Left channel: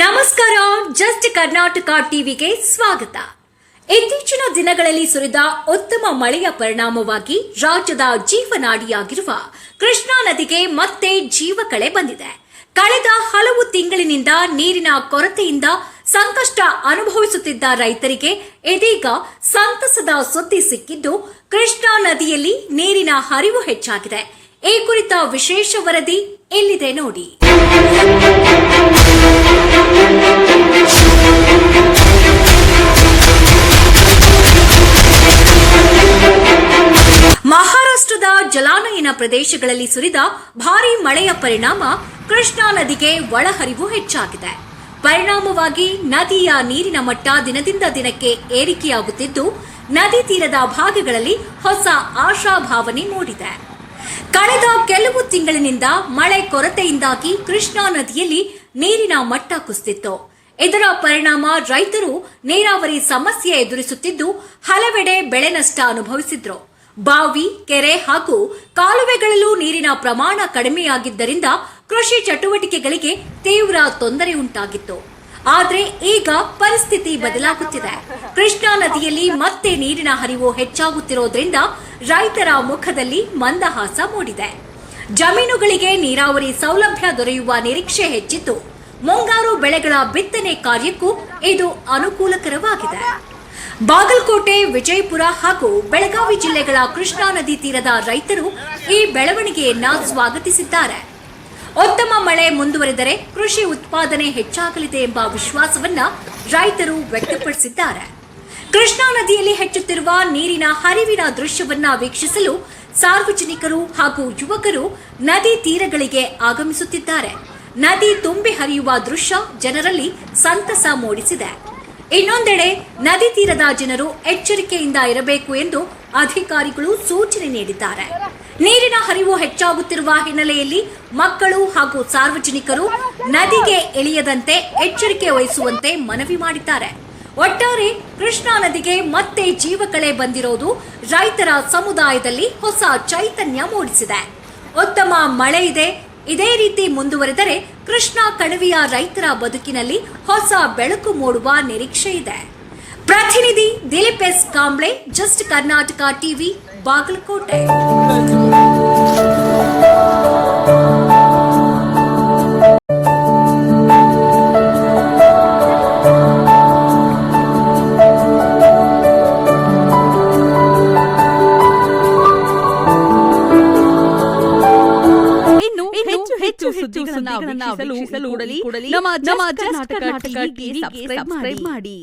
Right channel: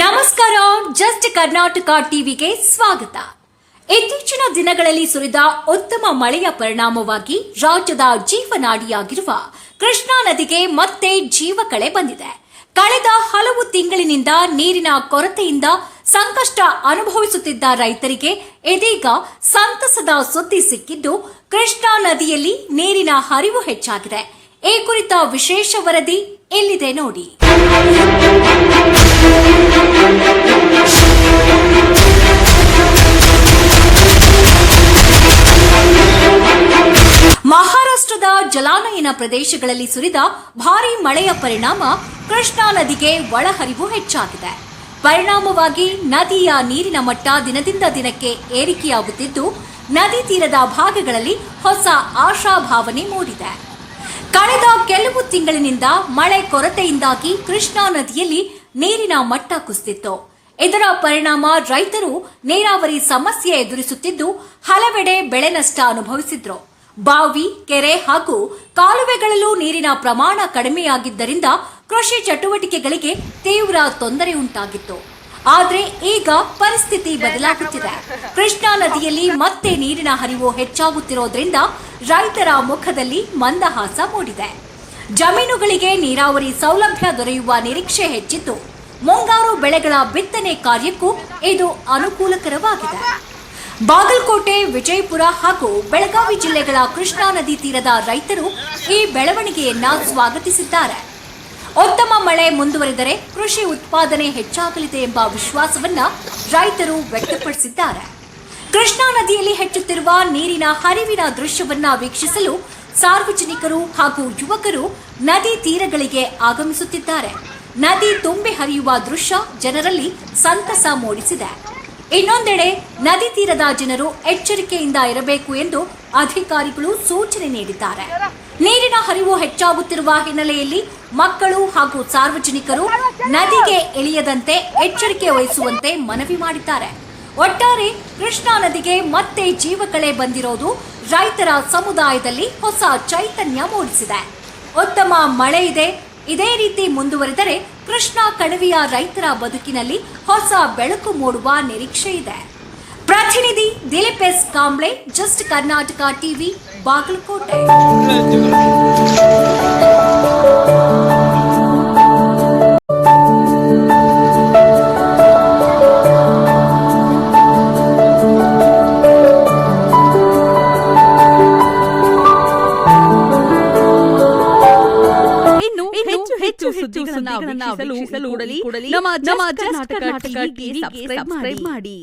ನಮಸ್ಕಾರ. ಜಸ್ಟ್ ಕರ್ನಾಟಕ ಟಿವಿಗೆ ಸ್ವಾಗತ. ಇತ್ತೀಚಿನ ದಿನಗಳಲ್ಲಿ ಸುರಿದ ಉತ್ತಮ ಮಳೆಯ ಪರಿಣಾಮವಾಗಿ ರಾಜ್ಯದ ಜೀವನಾಡಿಯಾಗಿರುವ ಕೃಷ್ಣಾ ನದಿಗೆ ಮತ್ತೆ ಜೀವಕಳೆ ಬಂದಿದೆ. ಕಳೆದ ಹಲವು ತಿಂಗಳಿನಿಂದ ನೀರಿನ ಕೊರತೆಯಿಂದ ಸಂಕಷ್ಟ ಅನುಭವಿಸುತ್ತಿದ್ದ ರೈತರಿಗೆ ಇದೀಗ ಸಂತಸದ ಸುದ್ದಿ ಸಿಕ್ಕಿದ್ದು ಕೃಷ್ಣಾ ನದಿಯಲ್ಲಿ ನೀರಿನ ಹರಿವು ಹೆಚ್ಚಾಗಿದೆ. ಈ ಕುರಿತ ವಿಶೇಷ ವರದಿ ಇಲ್ಲಿದೆ ನೋಡಿ. ಮಹಾರಾಷ್ಟ್ರದ ಜಲಾನಯನ ಪ್ರದೇಶಗಳಲ್ಲಿ ಸುರಿದ ಭಾರೀ ಮಳೆಯ ಪರಿಣಾಮ ಕೃಷ್ಣಾ ನದಿಗೆ ಒಳಹರಿವು ಹೆಚ್ಚಾಗಿದೆ. ಪರಿಣಾಮವಾಗಿ ನದಿಯ ನೀರಿನ ಮಟ್ಟ ದಿನದಿಂದ ದಿನಕ್ಕೆ ಏರಿಕೆಯಾಗುತ್ತಿದ್ದು ನದಿ ತೀರದ ಭಾಗಗಳಲ್ಲಿ ಹೊಸ ಆಶಾಭಾವನೆ ಮೂಡಿದೆ. ಕಳೆದ ಕೆಲವು ತಿಂಗಳಿನಿಂದ ಮಳೆ ಕೊರತೆಯಿಂದಾಗಿ ಕೃಷ್ಣಾ ನದಿಯಲ್ಲಿ ನೀರಿನ ಮಟ್ಟ ಕುಸಿದಿತ್ತು. ಇದರ ಪರಿಣಾಮ ರೈತರು ನೀರಾವರಿ ಸಮಸ್ಯೆ ಎದುರಿಸುತ್ತಿದ್ದು ಹಲವೆಡೆ ಬೆಳೆ ನಷ್ಟ ಅನುಭವಿಸಿದ್ರು. ಬಾವಿ, ಕೆರೆ ಹಾಗೂ ಕಾಲುವೆಗಳಲ್ಲೂ ನೀರಿನ ಪ್ರಮಾಣ ಕಡಿಮೆಯಾಗಿದ್ದರಿಂದ ಕೃಷಿ ಚಟುವಟಿಕೆಗಳಿಗೆ ತೀವ್ರ ತೊಂದರೆ ಉಂಟಾಗಿತ್ತು. ಆದರೆ ಈಗ ಪರಿಸ್ಥಿತಿ ಬದಲಾಗುತ್ತಿದೆ. ಕೃಷ್ಣಾ ನದಿಯಲ್ಲಿ ಮತ್ತೆ ನೀರಿನ ಹರಿವು ಹೆಚ್ಚಾಗುತ್ತಿರೋದ್ರಿಂದ ರೈತರ ಮುಖದಲ್ಲಿ ಮಂದಹಾಸ ಮೂಡಿದೆ. ಜಮೀನುಗಳಿಗೆ ನೀರಾವರಿ ಸೌಲಭ್ಯ ದೊರೆಯುವ ನಿರೀಕ್ಷೆ ಹೆಚ್ಚಿದ್ದು ಮುಂಗಾರು ಬೆಳೆಗಳ ಬಿತ್ತನೆ ಕಾರ್ಯಕ್ಕೂ ಇದು ಅನುಕೂಲಕರವಾಗಿದೆ. ಬಾಗಲಕೋಟೆ, ವಿಜಯಪುರ ಹಾಗೂ ಬೆಳಗಾವಿ ಜಿಲ್ಲೆಗಳ ಕೃಷ್ಣಾ ನದಿ ತೀರದ ರೈತರು ಈ ಬೆಳವಣಿಗೆಯನ್ನ ಸ್ವಾಗತಿಸಿದ್ದಾರೆ. ಉತ್ತಮ ಮಳೆ ಮುಂದುವರೆದರೆ ಕೃಷಿ ಉತ್ಪಾದನೆ ಹೆಚ್ಚಾಗಲಿದೆ ಎಂಬ ವಿಶ್ವಾಸವನ್ನ ರೈತರು ವ್ಯಕ್ತಪಡಿಸಿದ್ದಾರೆ. ಕೃಷ್ಣಾ ನದಿಯಲ್ಲಿ ಹೆಚ್ಚುತ್ತಿರುವ ನೀರಿನ ಹರಿವಿನ ದೃಶ್ಯವನ್ನ ವೀಕ್ಷಿಸಲು ಸಾರ್ವಜನಿಕರು ಹಾಗೂ ಯುವಕರು ನದಿ ತೀರಗಳಿಗೆ ಆಗಮಿಸುತ್ತಿದ್ದಾರೆ. ನದಿ ತುಂಬಿ ಹರಿಯುವ ದೃಶ್ಯ ಜನರಲ್ಲಿ ಸಂತಸ ಮೂಡಿಸಿದೆ. ಇನ್ನೊಂದೆಡೆ ನದಿ ತೀರದ ಜನರು ಎಚ್ಚರಿಕೆಯಿಂದ ಇರಬೇಕು ಎಂದು ಅಧಿಕಾರಿಗಳು ಸೂಚನೆ ನೀಡಿದ್ದಾರೆ. ನೀರಿನ ಹರಿವು ಹೆಚ್ಚಾಗುತ್ತಿರುವ ಹಿನ್ನೆಲೆಯಲ್ಲಿ ಮಕ್ಕಳು ಹಾಗೂ ಸಾರ್ವಜನಿಕರು ನದಿಗೆ ಇಳಿಯದಂತೆ ಎಚ್ಚರಿಕೆ ವಹಿಸುವಂತೆ ಮನವಿ ಮಾಡಿದ್ದಾರೆ. ಒಟ್ಟಾರೆ ಕೃಷ್ಣಾ ನದಿಗೆ ಮತ್ತೆ ಜೀವಕಳೆ ಬಂದಿರೋದು ರೈತರ ಸಮುದಾಯದಲ್ಲಿ ಹೊಸ ಚೈತನ್ಯ ಮೂಡಿಸಿದೆ. ಉತ್ತಮ ಮಳೆ ಇದೆ. ಇದೇ ರೀತಿ ಮುಂದುವರೆದರೆ ಕೃಷ್ಣಾ ಕಣಿವೆಯ ರೈತರ ಬದುಕಿನಲ್ಲಿ ಹೊಸ ಬೆಳಕು ಮೂಡುವ ನಿರೀಕ್ಷೆ ಇದೆ. ಪ್ರತಿನಿಧಿ Dilip S Kamble, just Karnataka TV, Bagalkot. ಹೆಚ್ಚು ಸುದ್ದಿಗಳನ್ನು ವೀಕ್ಷಿಸಲು ಕೂಡಲೇ ನಮ್ಮ ಜಸ್ಟ್ ಕರ್ನಾಟಕ ಟಿವಿಗೆ ಸಬ್ಸ್ಕ್ರೈಬ್ ಮಾಡಿ.